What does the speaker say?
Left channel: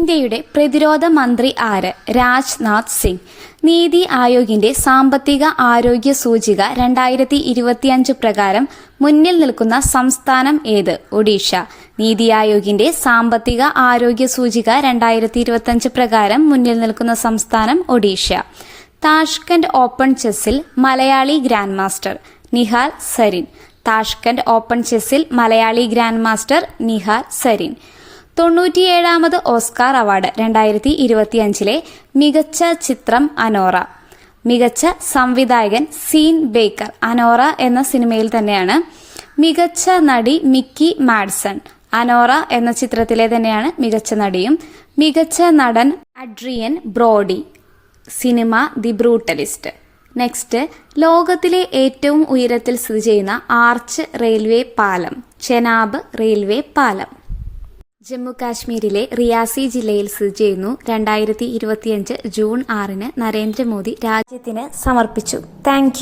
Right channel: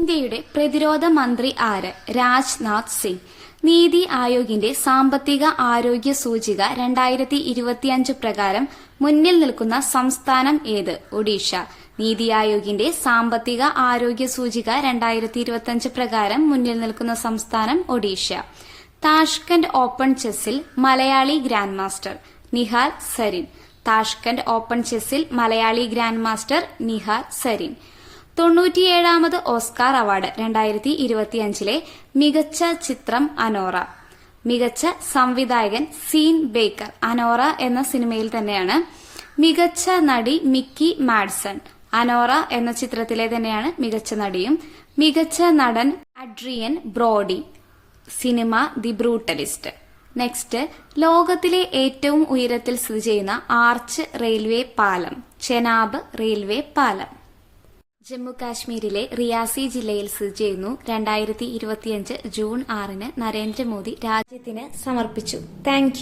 ഇന്ത്യയുടെ പ്രതിരോധ മന്ത്രി ആര്? രാജ്നാഥ് സിംഗ്. നീതി ആയോഗിന്റെ സാമ്പത്തിക ആരോഗ്യ സൂചിക 2025 പ്രകാരം മുന്നിൽ നിൽക്കുന്ന സംസ്ഥാനം ഏത്? ഒഡീഷ. നീതി ആയോഗിന്റെ സാമ്പത്തിക ആരോഗ്യ സൂചിക 2025 പ്രകാരം മുന്നിൽ നിൽക്കുന്ന സംസ്ഥാനം ഒഡീഷ. താഷ്കന്റ് ഓപ്പൺ ചെസ്സിൽ മലയാളി grand master Nihal Sarin. Tashkent open ചെസ്സിൽ മലയാളി ഗ്രാൻഡ് മാസ്റ്റർ നിഹാൽ സരീൻ. 97ാമത് ഓസ്കാർ അവാർഡ് 2025 മികച്ച ചിത്രം അനോറ. മികച്ച സംവിധായകൻ സീൻ ബേക്കർ. അനോറ എന്ന സിനിമയിൽ തന്നെയാണ്. മികച്ച നടി മിക്കി മാഡ്സൺ. അനോറ എന്ന ചിത്രത്തിലെ തന്നെയാണ് മികച്ച നടിയും. മികച്ച നടൻ Adrian Brody. Cinema the brutalist. Next, ലോകത്തിലെ ഏറ്റവും ഉയരത്തിൽ സ്ഥിതി ചെയ്യുന്ന ആർച്ച് റെയിൽവേ പാലം. ചെനാബ് റെയിൽവേ പാലം ജമ്മു കാശ്മീരിലെ റിയാസി ജില്ലയിൽ സ്ഥിതി ചെയ്യുന്നു. 2025 ജൂൺ 6 നരേന്ദ്രമോദി രാജ്യത്തിന് സമർപ്പിച്ചു. താങ്ക്